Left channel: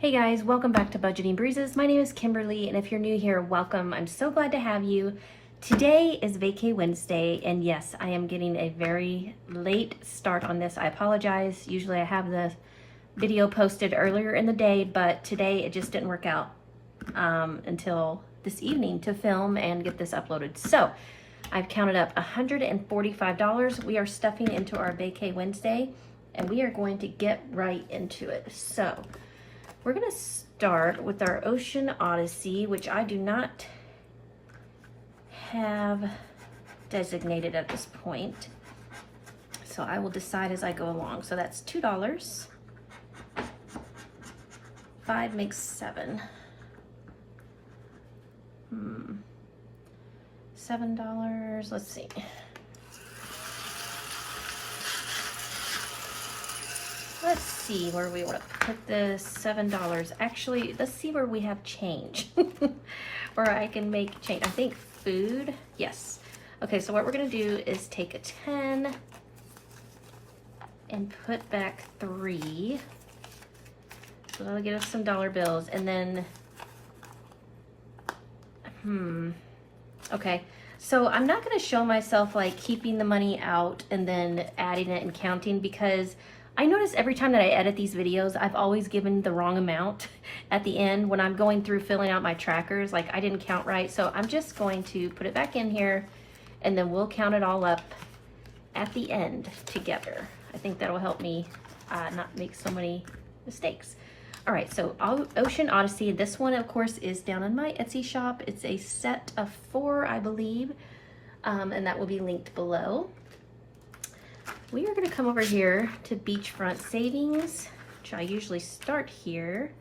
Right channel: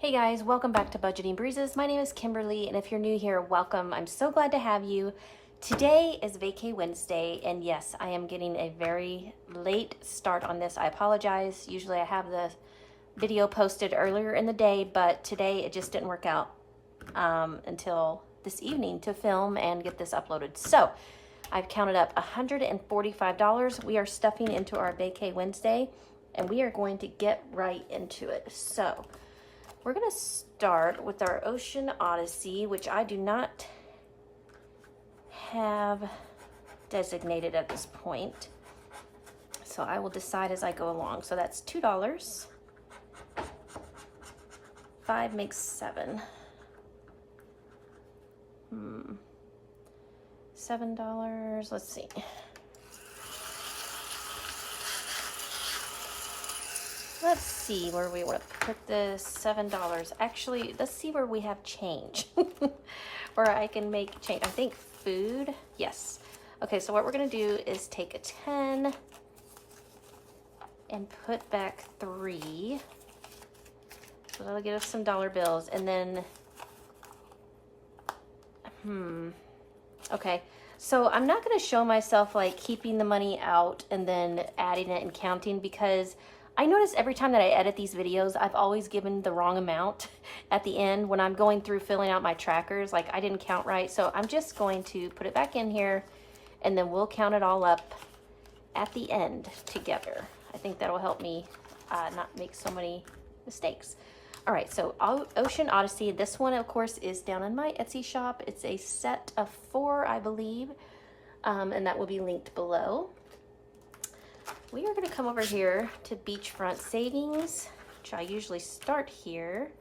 Hey guys, welcome back to Budgeting Breezes. My name is Kimberly, and if you're new here, welcome. I'm so glad to have you. Today is Vacay Wednesday, and yes, I am getting a very late start on this. I apologize. Usually I have the video posted earlier in the day, but today it just didn't work out until this evening to film and get this uploaded. So I've counted up $145. We are stepping into our Vacay Wednesday, and we are going to get right into it. So we're gonna start with our Ocean Odyssey, which I do not have designated at this point. So I will decide as I go along. So that's $2. 5 makes 7. $7, let's see. Let's see where we want to put the $7. Actually, let's see where we have change. Where I can make change. I think food, yes. Okay, so what we're going to do is take a 10 and put back 3. So that'll get us some dollar bills. And then, okay. So I'm not going to show myself like keeping the money out and then adding it and counting, because I notice every time that I edit these videos, I've always given the wrong amount at the end when I'm going through filling out my trackers. Like I didn't count right. So I'm just going to put it back in here and then we'll count it all up at the end together. I think that'll help me not make so many mistakes. All right, so Ocean Odyssey. This one, of course, is down in my Etsy shop. It's a set of 4, I believe, and that will be linked below. We are gonna come over here to Beachfront Savings, which I usually start here.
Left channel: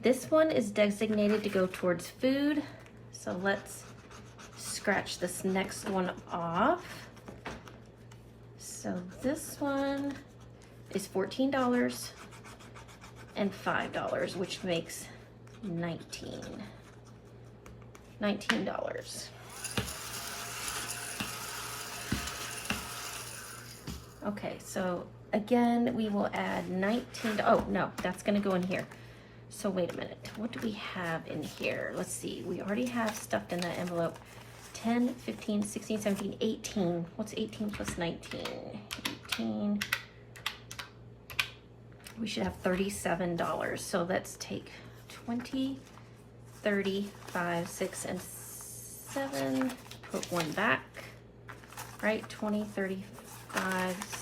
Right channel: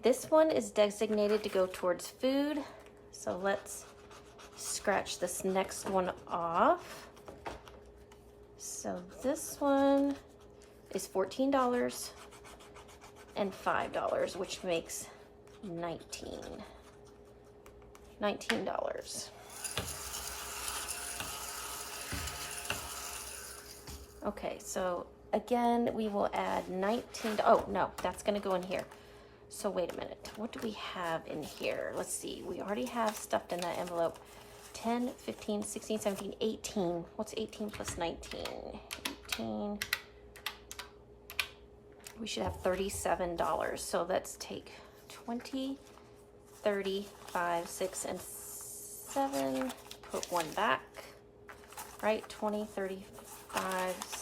This one is designated to go towards food. So let's scratch this next one off. So this one is $14 and $5, which makes $19. Okay, so again, we will add 19. Oh, no, that's gonna go in here. So wait a minute, what do we have in here? Let's see, we already have stuffed in that envelope. 10, 15, 16, 17, 18. What's 18 plus 19? 18. We should have $37. So let's take 20, 30, 5, 6, and 7. Put one back, right? 20, 30, 5,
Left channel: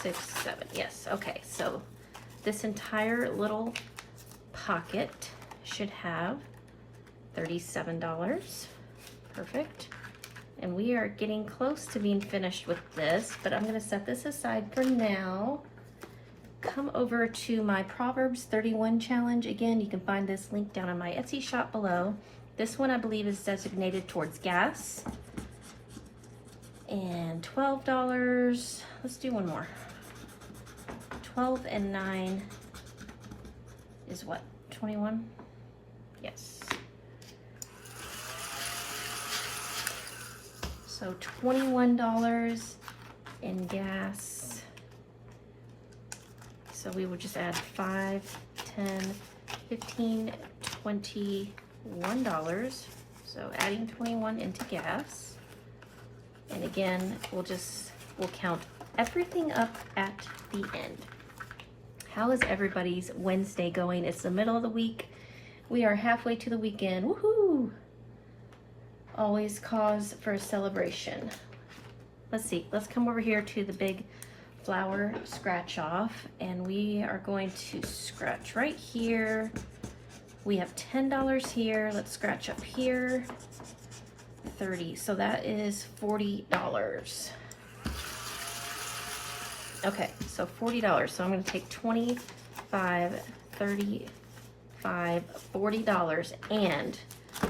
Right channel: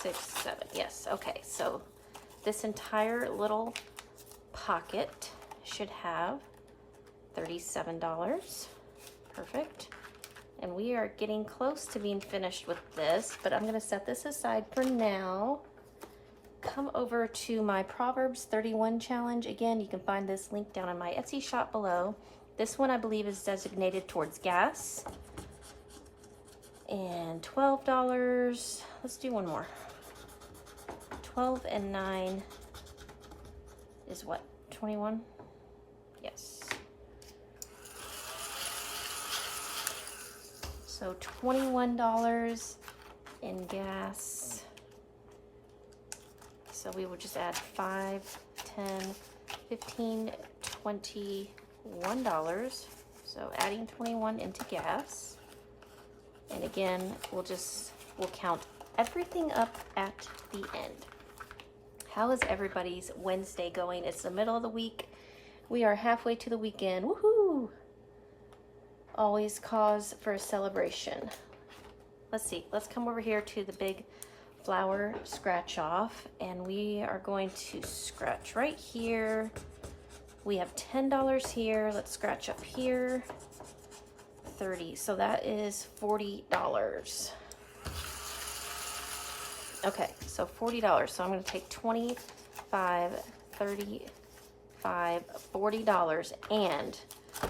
6, 7. Yes, okay, so this entire little pocket should have $37. Perfect. And we are getting close to being finished with this, but I'm going to set this aside for now. Come over to my Proverbs 31 challenge. Again, you can find this link down in my Etsy shop below. This one I believe is designated towards gas. And $12. Let's do one more. 12 and 9 is what? 21? Yes. So $21 in gas. So we would just add 5, 10, 15, $21. So adding 21 into gas. And again, we'll count everything up at the end. How is everybody's Wednesday going? It's the middle of the week. We are halfway to the weekend. Woohoo! Always cause for a celebration. Let's see. Let's come over here to the big flower scratch off, and we are going to scratch right here. We have $10 here. Let's scratch up here. 30. So that is $40. Okay, so $40. So I'm going to take 25, 35, $40. And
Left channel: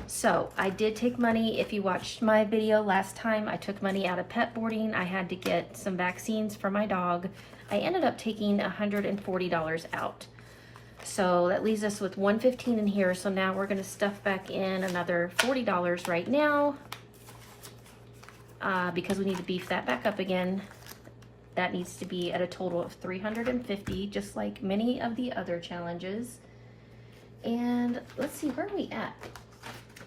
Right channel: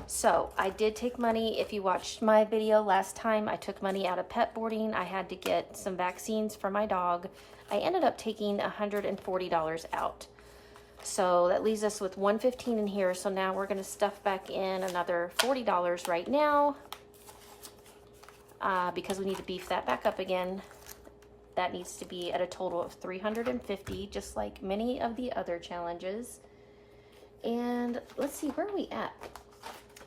so I did take money. If you watched my video last time, I took money out of pet boarding. I had to get some vaccines for my dog. I ended up taking $140 out. So that leaves us with $115 in here. So now we're going to stuff back in another $40 right now because we need to beef that back up again. That needs to be at a total of $350, just like many of the other challenges. And let's see, where are we at?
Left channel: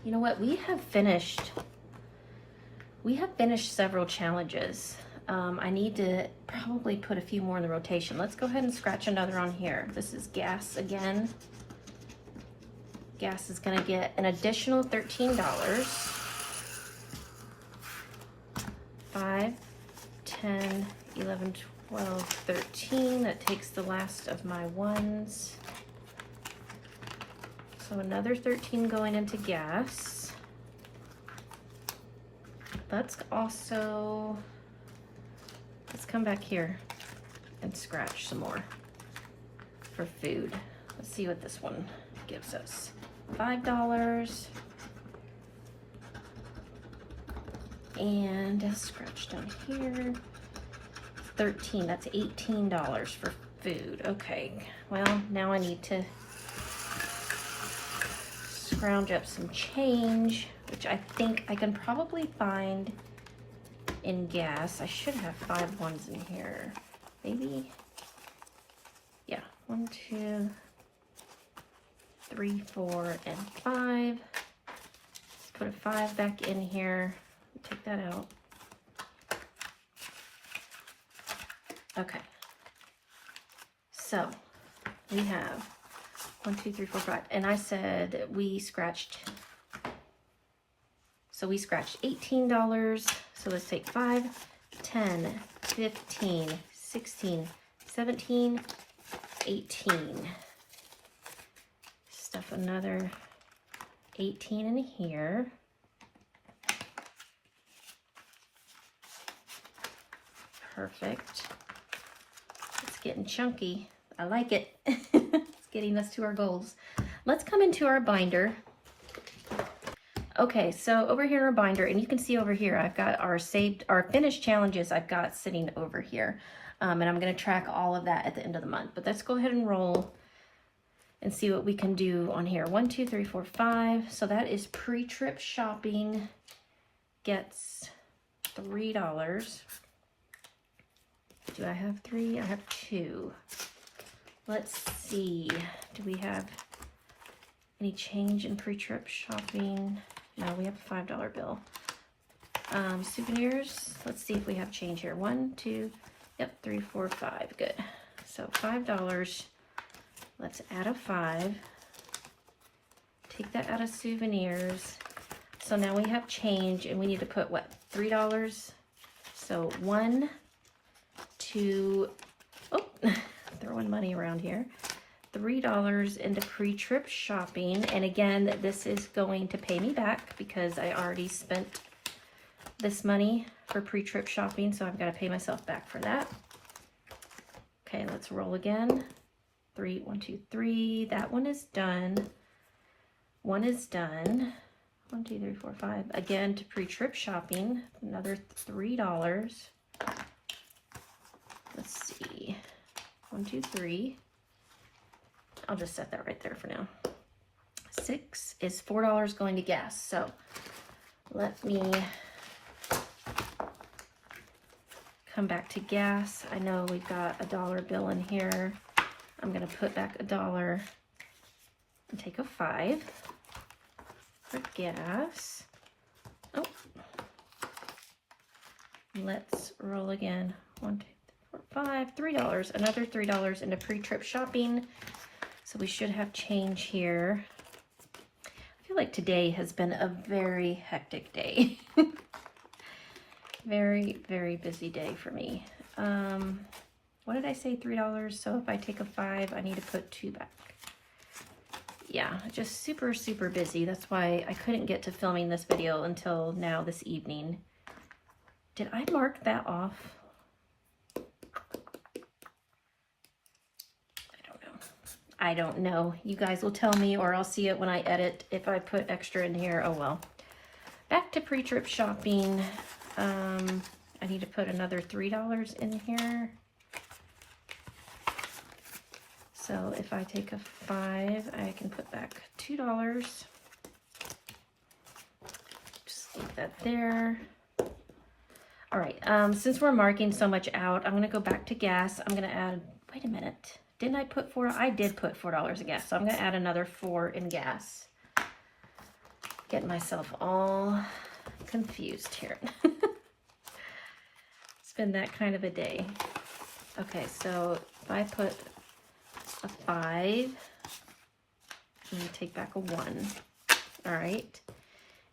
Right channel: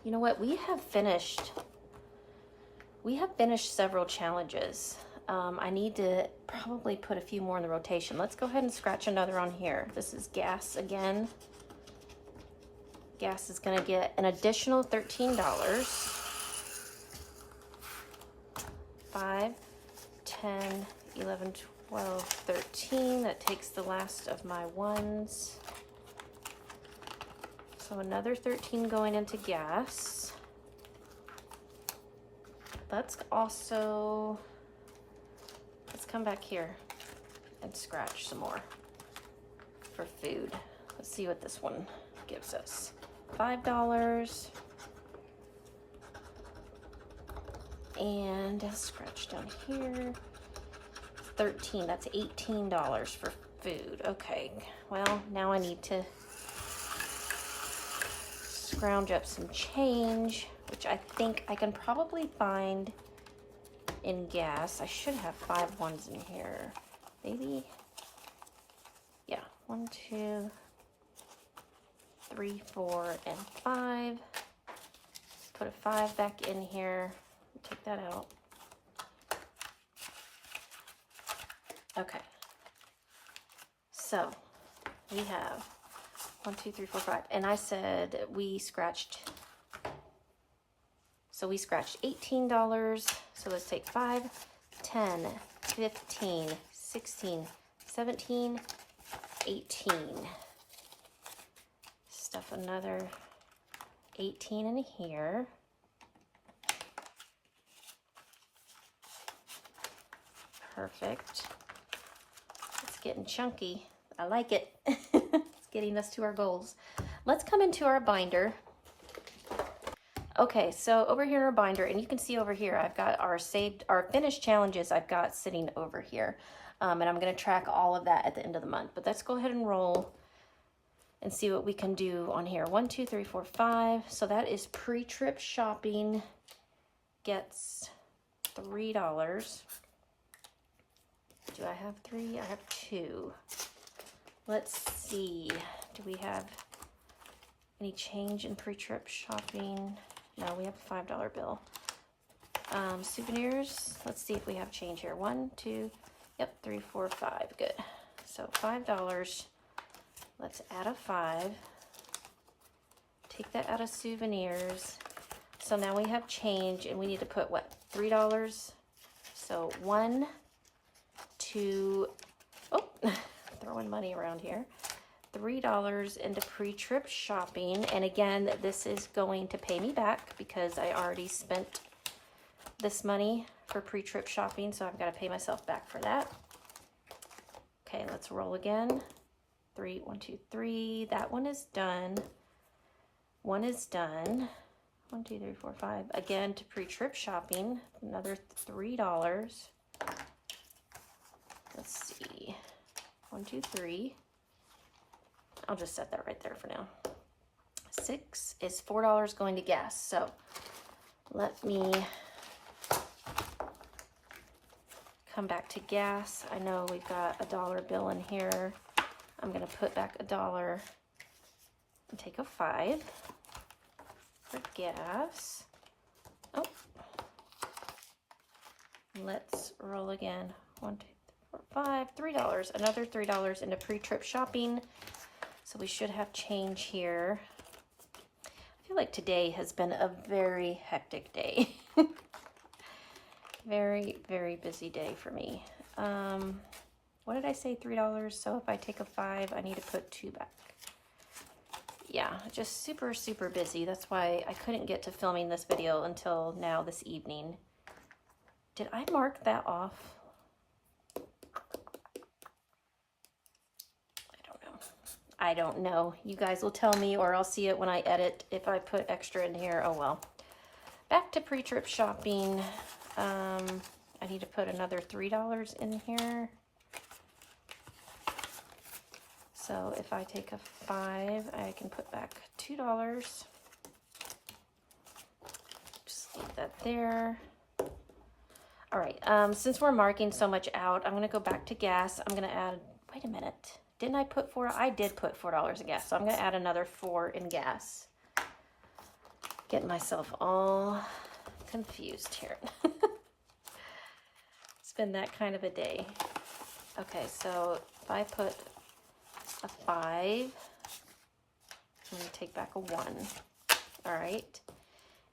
You know what, we have finished several challenges. I need to probably put a few more in the rotation. Let's go ahead and scratch another on here. This is gas again. Gas is gonna get an additional $13. 5, 10, 11, 12, 13. That takes the last of my ones. So another 13 going into gas. Let's come back here and scratch some more for food. Let's see what this one gives us. $5. And scratch down here. 13, that's $18 for food. Okay, well, now I need to scrounge up some change, which I think I can probably find in gas. I should have 5 ones in here. Maybe, yeah, 1, 2, 3, 4, and 5. Put a 5 back in here. Take that out. Okay. So we have 1, 2, 3, 4, 5. And I said we scratched. So we scratched $18. So let's take 5, 10, 15, 16, 17, 18. Stuff another 18 in here. Perfect. It's getting chunky. I like it. It's getting us to our goals. Let's come into our binder. Okay, so over here in our binder, and you can see over here, I've got our finished challenges I've got sitting over here. And I'm going to track all of that at the end of the month. But let's go ahead and roll and see what we can do on here. 1, 2, 3, 4, 5. So that is pre-trip shopping gets $3. Do I have 3? I have 2. Let's see. Do we have any change in pre-trip shopping? No, we have a $5 bill. Souvenirs. Let's see if we have change here. 1, 2, yep, 3, 4, 5. Good. So $5. Let's add a 5. Take that out of souvenirs. So now we have change, and we need to put what? $3. So 1, 2, oh, throwing money around here. $3 into pre-trip shopping. And again, this is going to pay me back because I already spent this money for pre-trip shopping. So I've got to pay myself back for that. Okay, let's roll again. 3, 1, 2, 3. That one is done. One is done. 1, 2, 3, 4, 5. Again to pre-trip shopping. Another $3. Let's see. 1, 2, 3. I'll just set that right there for now. 6 is $4 going to gas. So let me come back to gas. I know we've got a $1 bill in here. I'm going to put back $1 and take a 5 for gas. Oh, let's roll again. 1, 2, 3, 4, 5, $3. Another $3 into pre-trip shopping. So we should have change here. I feel like today has been a very hectic day. Very, very busy day for me. What did I say, $3? So if I take a 5, I need to put 2 back. Yeah, just super, super busy. That's why I couldn't get to filming this video until now this evening. Did I mark that off? I don't know. You guys will tell me, or I'll see it when I edit if I put extra in here. Oh well. Back to pre-trip shopping. I need to put another $3 in here. So if I take a 5, I can put back $2. Just leave that there. All right, since we're marking so much out, I'm gonna go back to gas. I'm gonna add, wait a minute, Didn't I put $4? I did put $4 in gas, so I'm gonna add another 4 in gas. Getting myself all confused here. It's been that kind of a day. Okay, so if I put a 5, I'm gonna take back a 1. All right.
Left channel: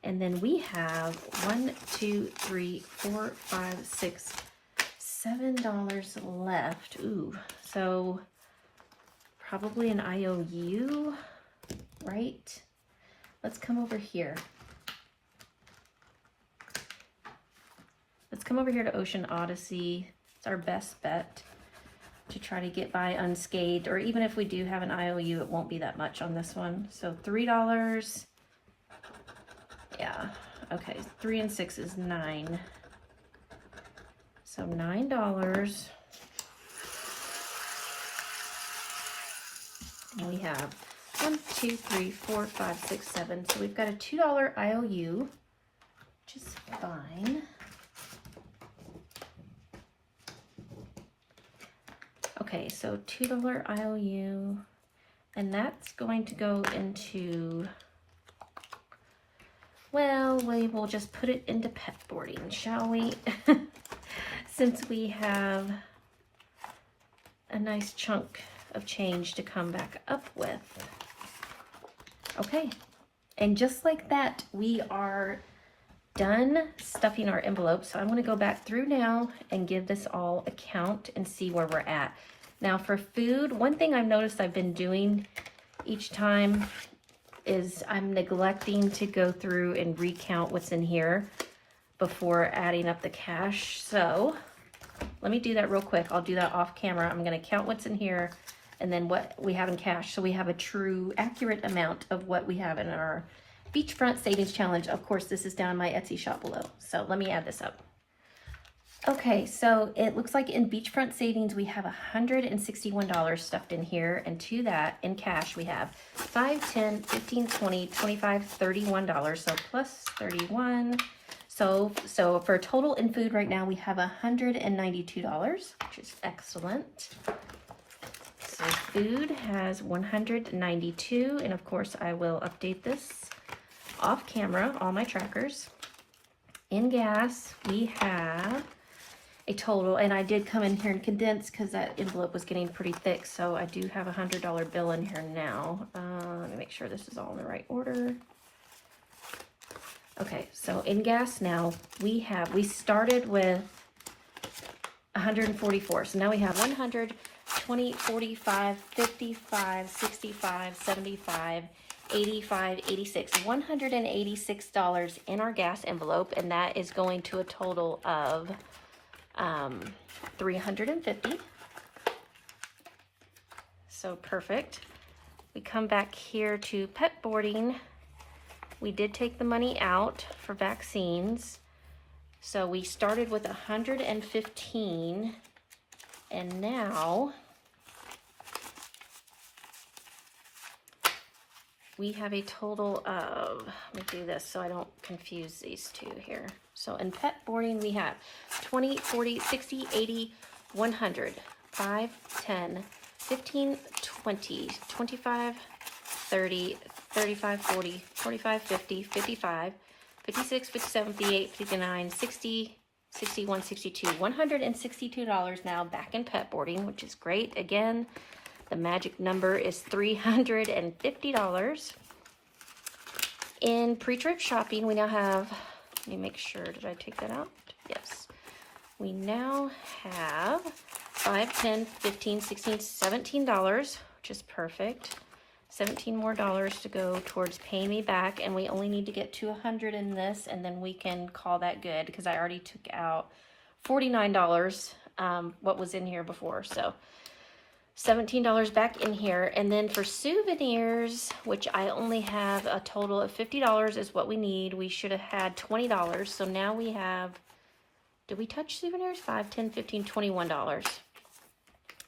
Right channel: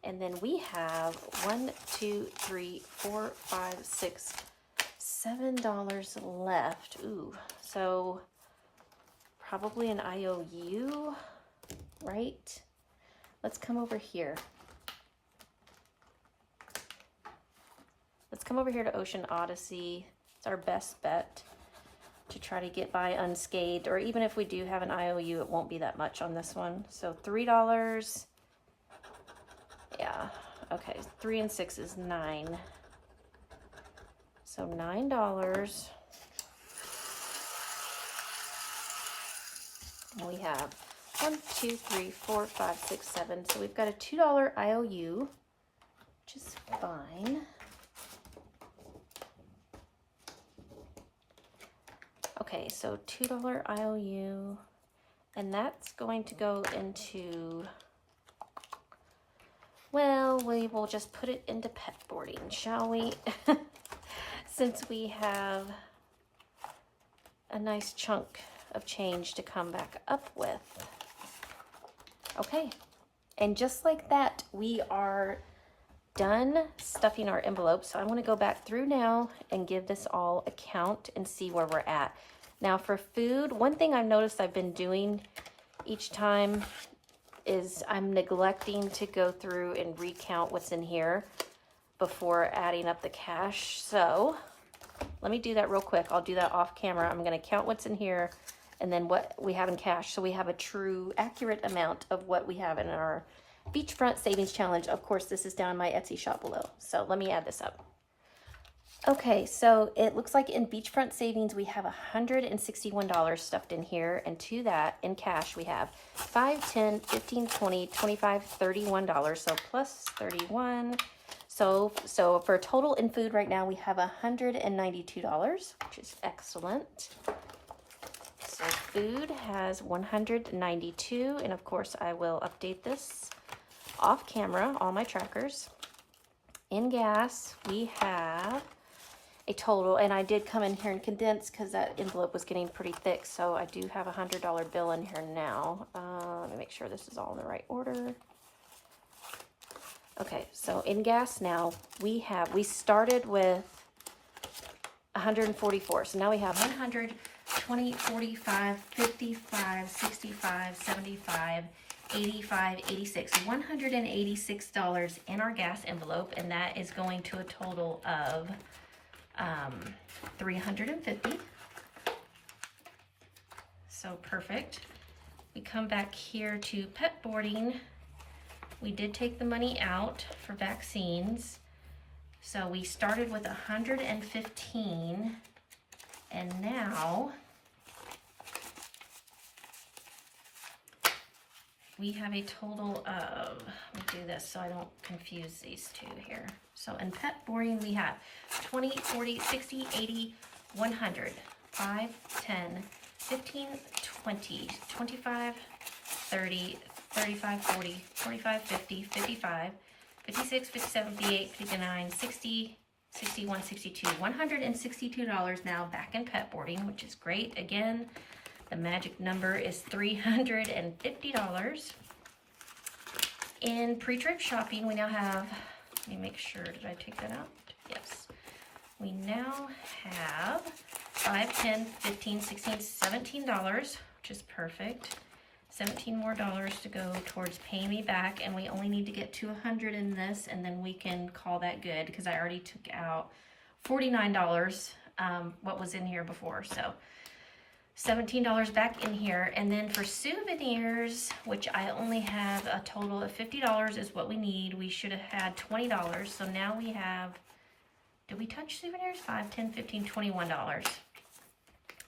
And then we have $1, 2, 3, 4, 5, 6, $7 left. Ooh, so probably an IOU, right? Let's come over here. Let's come over here to Ocean Odyssey. It's our best bet to try to get by unscathed, or even if we do have an IOU, it won't be that much on this one. So $3. Yeah, okay, 3 and 6 is 9. So $9. And we have 1, 2, 3, 4, 5, 6, 7. So we've got a $2 IOU, which is fine. Okay, so $2 IOU, and that's going to go into, well, we will just put it into pet boarding, shall we? Since we have a nice chunk of change to come back up with. Okay, and just like that, we are done stuffing our envelopes. So I want to go back through now and give this all a count and see where we're at. Now for food, one thing I've noticed I've been doing each time is I'm neglecting to go through and recount what's in here before adding up the cash. So let me do that real quick. I'll do that off camera. I'm going to count what's in here and then what we have in cash, so we have a true, accurate amount of what we have in our Beachfront Savings Challenge. Of course, this is down in my Etsy shop below. So let me add this up. Okay, so it looks like in Beachfront Savings, we have $161 stuffed in here. And to that, in cash, we have $5, $10, $15, $20, $25, $31. So plus 31. So for total in food right now, we have $192, which is excellent. So food has 192, and of course I will update this off camera, all my trackers. In gas, we have a total, and I did come in here and condense because that envelope was getting pretty thick, so I do have a $100 bill in here now. Let me make sure this is all in the right order. Okay, so in gas now, we started with 144, so now we have 100, 20, 45, 55, 65, 75, 85, 86, $186 in our gas envelope, and that is going to a total of 350. So perfect. We come back here to pet boarding. We did take the money out for vaccines. So we started with 115, and now we have a total of, let me do this so I don't confuse these two here. So in pet boarding, we have 20, 40, 60, 80, 100, 5, 10, 15, 20, 25, 30, 35, 40, 45, 50, 55, 56, 57, 58, 59, 60, 61, 62, $162 now back in pet boarding, which is great. Again, the magic number is $350. In pre-trip shopping, we now have, let me make sure, did I take that out? Yes. We now have 5, 10, 15, 16, $17, which is perfect. 17 more dollars to go towards paying me back, and we only need to get to 100 in this, and then we can call that good because I already took out $49, what was in here before. So $17 back in here. And then for souvenirs, which I only have a total of $50 is what we need. We should have had $20. So now we have, did we touch souvenirs? 5, 10, 15, $21.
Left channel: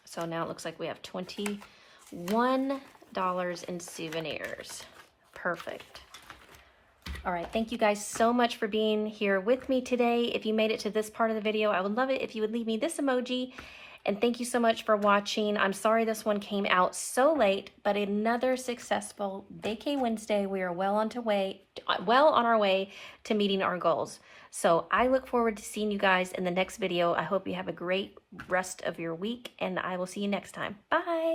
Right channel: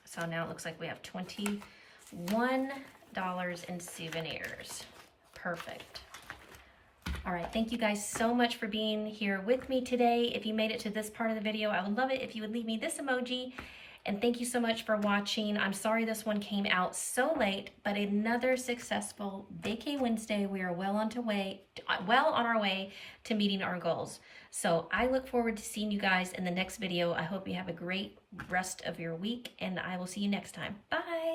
So now it looks like we have $21 in souvenirs. Perfect. All right, thank you guys so much for being here with me today. If you made it to this part of the video, I would love it if you would leave me this emoji And thank you so much for watching. I'm sorry this one came out so late, but another successful Vacay Wednesday. We are well on our way to meeting our goals. So I look forward to seeing you guys in the next video. I hope you have a great rest of your week, and I will see you next time. Bye.